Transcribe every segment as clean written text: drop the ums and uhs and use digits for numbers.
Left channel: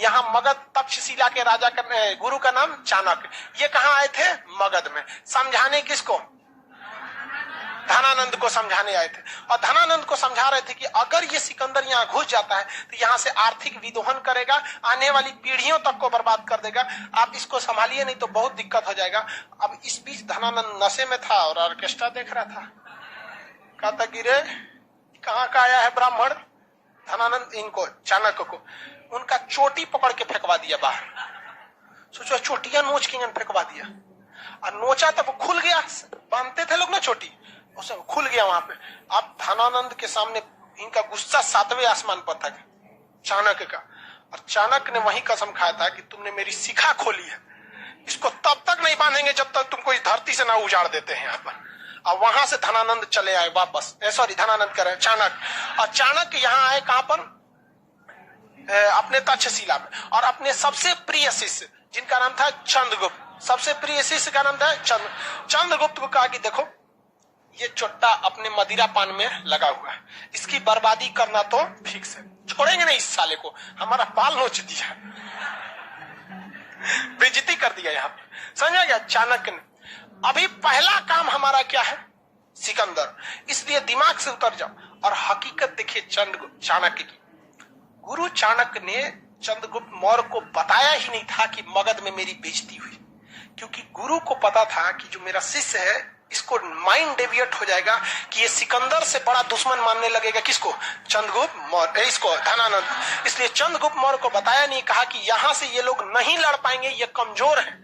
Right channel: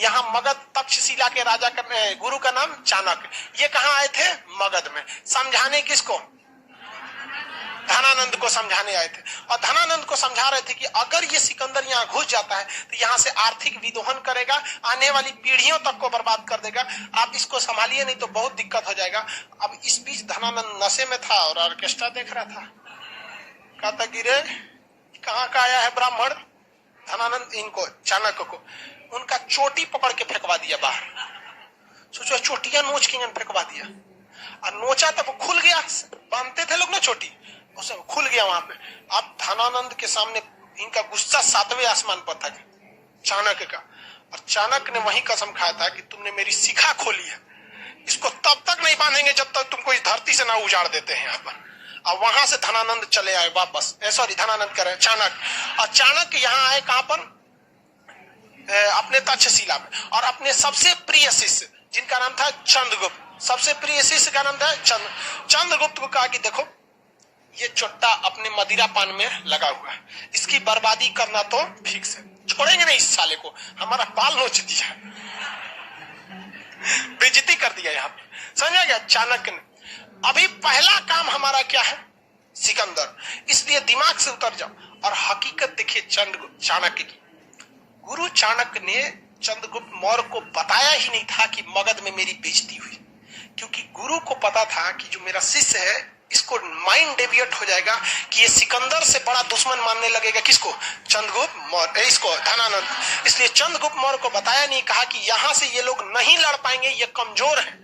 यहाँ मगध तक्षशिला के राजा का गुरु का नाम चाणक्य। ये कहाँ आए थे? मगध में। समझाने किसको? धनानंद को समझाने आए थे। और धनानंद को समझा रहे थे कि अगर ये सिकंदर यहाँ घुस जाता है तो यहाँ से आर्थिक विदोहन करेगा, आने वाली पीढ़ियों तक को बर्बाद कर देगा, आप इसको संभालिए नहीं तो बहुत दिक्कत हो जाएगा। अब इस बीच धनानंद नशे में था और ऑर्केस्ट्रा देख रहा था। कहता गिरे कहाँ का आया है ब्राह्मण। धनानंद इनको चाणक्य को उनका चोटी पकड़ के फेंकवा दिया बाहर। सोचो चोटियां नोच के फेंकवा दिया और नोचा तब खुल गया। बांधते थे लोग ना चोटी, उसे खुल गया वहां पे। अब धनानंद के सामने इनका गुस्सा 7वें आसमान पर था चाणक्य का। और चाणक्य ने वही कसम खाया था कि तुमने मेरी शिखा खोली है, इसको तब तक नहीं बांधेंगे जब तक तुमको इस धरती से ना उजाड़ देते हैं यहाँ पर। अब वहां से धनानंद चले आए वापस, सॉरी धनानंद करे चाणक्य। और चाणक्य यहाँ आए कहां पर? अपने तक्षशिला में। और अपने सबसे प्रिय शिष्य जिनका नाम था चंद्रगुप्त, सबसे प्रिय शिष्य का नाम था चंद्रगुप्त को कहा कि देखो ये चोट्टा अपने मदिरा पान में लगा हुआ है, इसकी बर्बादी करना तो फिक्स है, छोड़ेंगे नहीं इस साले को। हमारा बाल नोच दिया, बेइज्जती कर दिया यहाँ पे, समझा गया चाणक्य ने। अभी पहला काम हमारा क्या है? सिकंदर। इसलिए दिमाग से उतर जाओ और हकीकत देखिए चाणक्य की। गुरु चाणक्य ने चंद्रगुप्त मौर्य को बताया ही नहीं था कि मगध में मेरी बेइज्जती हुई, क्योंकि गुरु को पता था कि जो मेरा शिष्य है इसको माइंड डेविएट हो जाएगा कि ये सिकंदर से बड़ा दुश्मन मानने लगेगा किसको? चंद्रगुप्त मौर्य, इसको धनानंद। इसलिए चंद्रगुप्त मौर्य को बताया नहीं, कहा कि यहाँ से ये लोग नहीं लड़ पाएंगे, ये कमजोर है,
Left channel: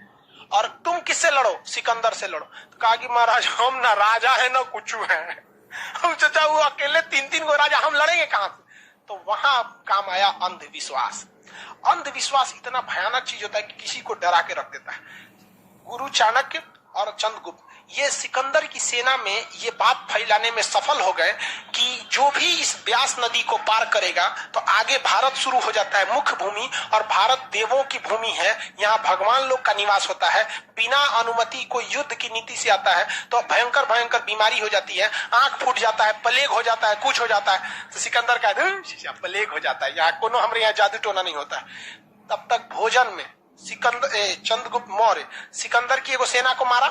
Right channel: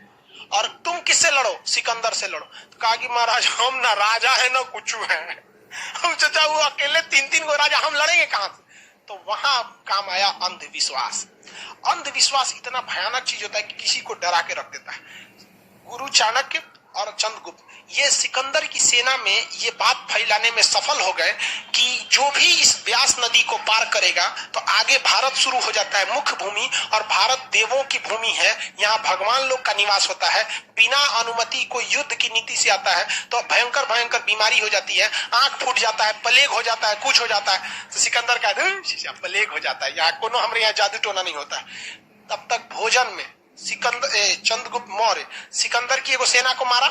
और तुम किससे लड़ो? सिकंदर से लड़ो। तो कहा कि महाराज हम ना राजा है ना कुछ है, हम चाचा वो अकेले 3-3 गो राजा, हम लड़ेंगे कहां से? तो वहां काम आया अंधविश्वास। अंधविश्वास इतना भयानक चीज होता है कि किसी को डरा के रख देता है। गुरु चाणक्य और चंद्रगुप्त ये सिकंदर की सेना में ये बात फैलाने में सफल हो गए कि जो भी इस व्यास नदी को पार करेगा तो आगे भारत शुरू हो जाता है, मुख्य भूमि, और भारत देवों की भूमि है, यहाँ भगवान लोग का निवास होता है। बिना अनुमति कोई युद्ध की नीति से आता है तो भयंकर भयंकर बीमारी हो जाती है, आंख फूट जाता है, प्लेग हो जाता है, कुछ हो जाता है। तो सिकंदर का प्लेग हो जाता है, यहाँ कोनो हमारे यहाँ जादू टोना नहीं होता है। तब तक भोजन में चंद्रगुप्त मौर्य सिकंदर की एगो सेना को मारा,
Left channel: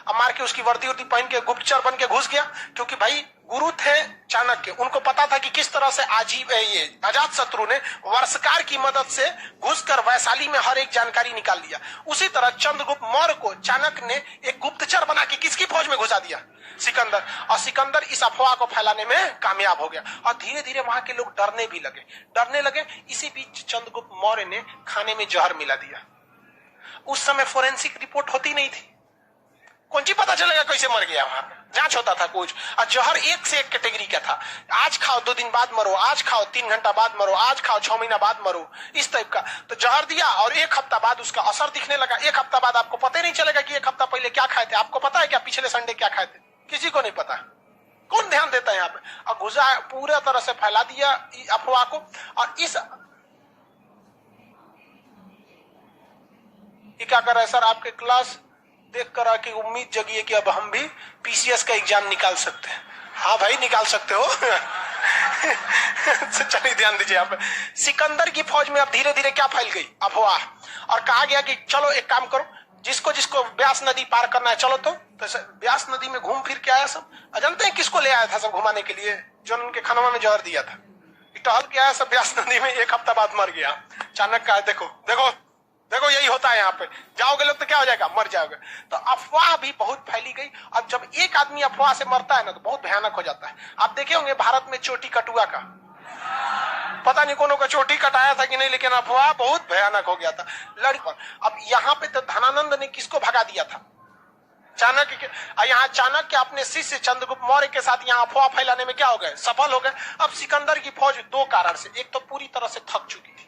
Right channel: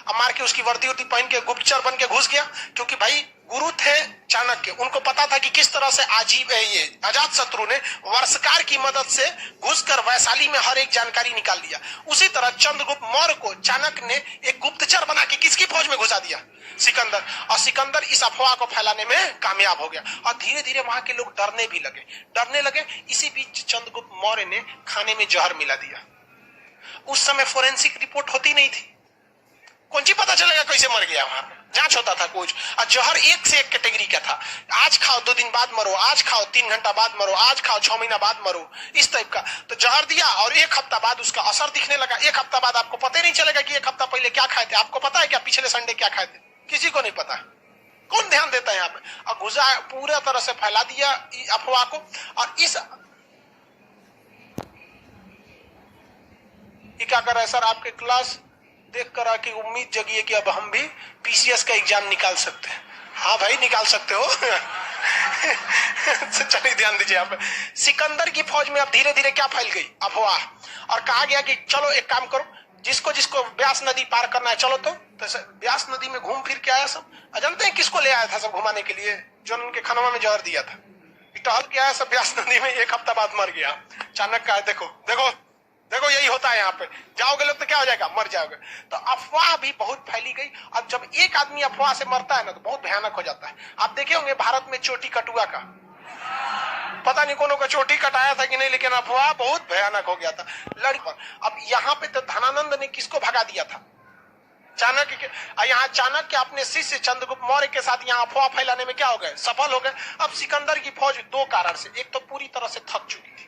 अब मार के उसकी वर्दी वर्दी पहन के गुप्तचर बन के घुस गया, क्योंकि भाई गुरु थे चाणक्य, उनको पता था कि किस तरह से ये अजात शत्रु ने वर्षकार की मदद से घुसकर वैशाली में हर एक जानकारी निकाल दिया। उसी तरह चंद्रगुप्त मौर्य को चाणक्य ने एक गुप्तचर बना के किसकी फौज में घुसा दिया? सिकंदर। और सिकंदर इस अफवाह को फैलाने में कामयाब हो गया और धीरे धीरे वहां के लोग डरने लगे। इसी बीच चंद्रगुप्त मौर्य ने खाने में जहर मिला दिया। उस समय फोरेंसिक रिपोर्ट होती नहीं थी, कौन सी पता चलेगा कैसे मर गया, वहां जांच होता था कुछ। और जहर एक से एक कैटेगरी का था, आज खाओ 2 दिन बाद मरो, आज खाओ 3 घंटा बाद मरो, आज खाओ 6 महीना बाद मरो, इस टाइप का। तो जहर दिया और 1 हफ्ता बाद उसका असर दिखने लगा। 1 हफ्ता बाद आपको पता ही नहीं चलेगा कि 1 हफ्ता पहले क्या खाए थे। आपको पता है क्या पिछले संडे क्या खाए थे? किसी को नहीं पता। कौन ध्यान देता है यहाँ पे? और घुसा पूरा तरह से फैला दिया अफवाह को। और इस क्या कर रहा है सर, आपके क्लास देख कर आके उम्मीद जगी है कि अब हम भी पीसीएस का एग्जाम निकाल सकते हैं। हाँ भाई निकाल सकते हो। चलिए ध्यान दीजिए। आप सिकंदर की फौज में अब धीरे धीरे क्या फैल गई अफवाह, और कहा गया कि चलो एक काम करो, जिसको जिसको व्यास नदी पार करना है चलो। तो व्यास नदी में घूम फिर के आया सब। जानते हैं किसको ले आया था सब घुमाने के लिए? जो उनके खाना में जहर दिया था, टहल के आया सब व्यास नदी में, 1 हफ्ता बाद मर गया। अचानक का देखो देखो देखो यही होता है यहाँ पे, जाओगे लोग तो क्या हो जाएगा, मर जाओगे। तो अफवाह भी बहुत फैली गई। और जब एक आदमी अफवाह से मरता है ना तो बहुत भयानक हो जाता है। आप देखे होंगे भारत में चोटी कटुआ का, पता नहीं कोनो का चोटी कटाया था कि नहीं, लेकिन अफवाह बहुत भयानक हो गया था लड़ी पर। अब यहाँ पे तो धनानंद ने किसको भगा दिया था? चाणक्य के। यहाँ चाणक्य अपने शिष्य चंद्रगुप्त मौर्य के साथ यहाँ अफवाह फैलाने में क्या हो गए, सफल हो गए। अब सिकंदर की फौज 2 कारण से, एक तो पूरी तरह से थक चुकी थी,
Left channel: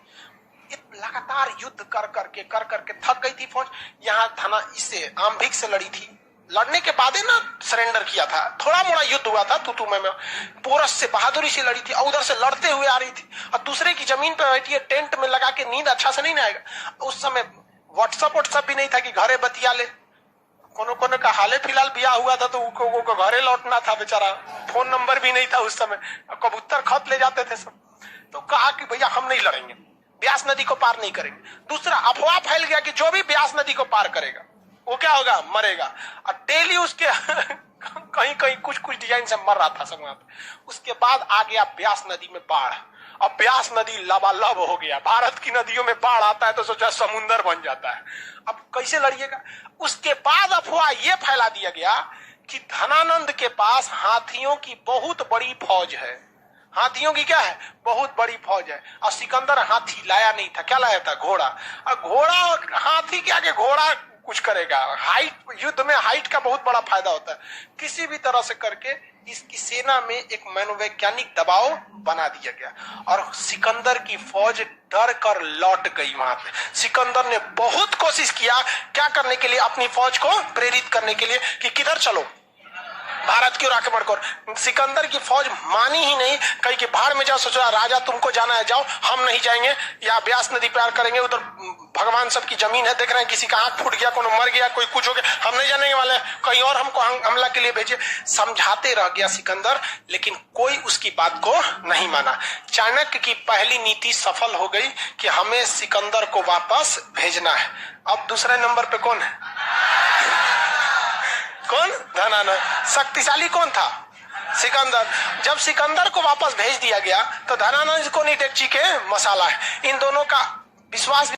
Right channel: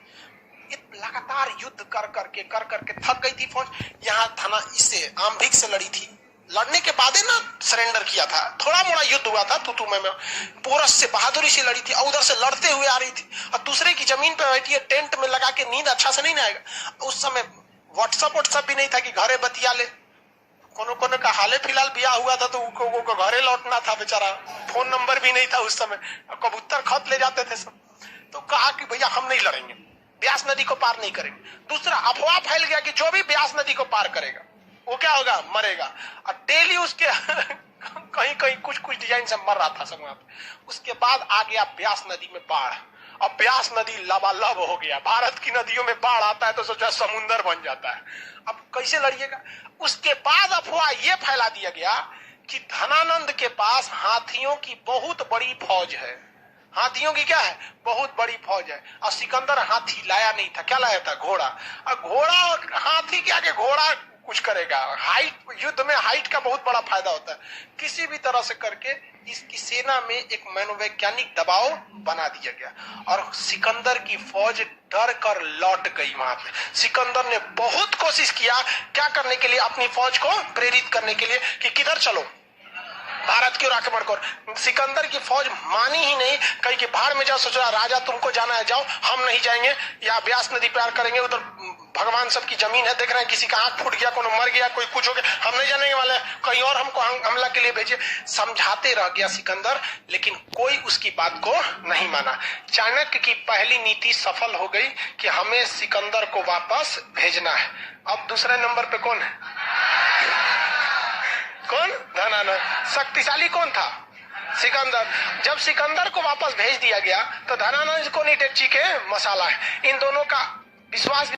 लगातार युद्ध कर करके थक गई थी फौज। यहाँ इससे आम्भिक से लड़ी थी, लड़ने के बाद ना सरेंडर किया था, थोड़ा मोड़ा युद्ध हुआ था तुतु में। पोरस से बहादुरी से लड़ी थी और उधर से लड़ते हुए आ रही थी, और दूसरे की जमीन पे बैठी है, टेंट में लगा के, नींद अच्छा से नहीं ना आएगा। उस समय व्हाट्सएप भी नहीं था कि घरे बतिया ले। कोनो का हाले फिलहाल ब्याह हुआ था तो उनको घरे लौटना था बेचारा, फोन नंबर भी नहीं था उस समय, कबूतर खत ले जाते थे सब। तो कहा कि भैया हम नहीं लड़ेंगे, ब्यास नदी को पार नहीं करेंगे। दूसरा, अफवाह फैल गया कि जो भी ब्यास नदी को पार करेगा वो क्या होगा, मरेगा। और डेली उसके कहीं कहीं कुछ कुछ डिजाइन से मर रहा था सब वहां पे। उसके बाद आ गया ब्यास नदी में बाढ़। अब ब्यास नदी लबालब हो गया। भारत की नदियों में बाढ़ आता है तो सोचा समुंदर बन जाता है। अब कैसे लड़िएगा। उसके बाद अफवाह ये फैला दिया गया कि धनानंद के पास हाथियों की बहुत बड़ी फौज है। हाथियों की क्या है, बहुत बड़ी फौज है। और सिकंदर हाथी लाया नहीं था, क्या लाया था, घोड़ा। और घोड़ा, हाथी के आगे घोड़ा कुछ करेगा। हाइट, युद्ध में हाइट का बहुत बड़ा फायदा होता है। किसी भी तरह से करके इसकी सेना में एक मनोवैज्ञानिक दबाव बना दिया गया और सिकंदर की फौज डर कर लौट गई वहां पे। सिकंदर ने बहुत कोशिश किया क्या करने के लिए, अपनी फौज को प्रेरित करने के लिए कि किधर चलो, भारत की ओर आक्रमण कर। सिकंदर की फौज मानी ही नहीं, कही कि बाहर में जाओ। सोचा राजा तुमको जाना है जाओ, हम नहीं जाएंगे, या ब्यास नदी पार करेंगे, उधर भगवान सबकी जमीन है, देख रहे हैं किसी का आंख फूट गया, कोई मर गया, कोई कुछ हो गया, हम नहीं जाने वाले, कहीं और हमको हमला के लिए भेजे। समझाते रह गया सिकंदर, लेकिन कोई उसकी बात को नहीं माना। चाणक्य की पहली नीति सफल हो गई कि हमें सिकंदर को वापस भेजना है। अब दूसरे नंबर पे कौन है, कौन, धनानंद। शक्तिशाली कौन था, सिकंदर। जब सिकंदर को वापस भेज दिया गया तो धनानंद को नहीं डेगची के मसाला है। इन दोनों का विश्वास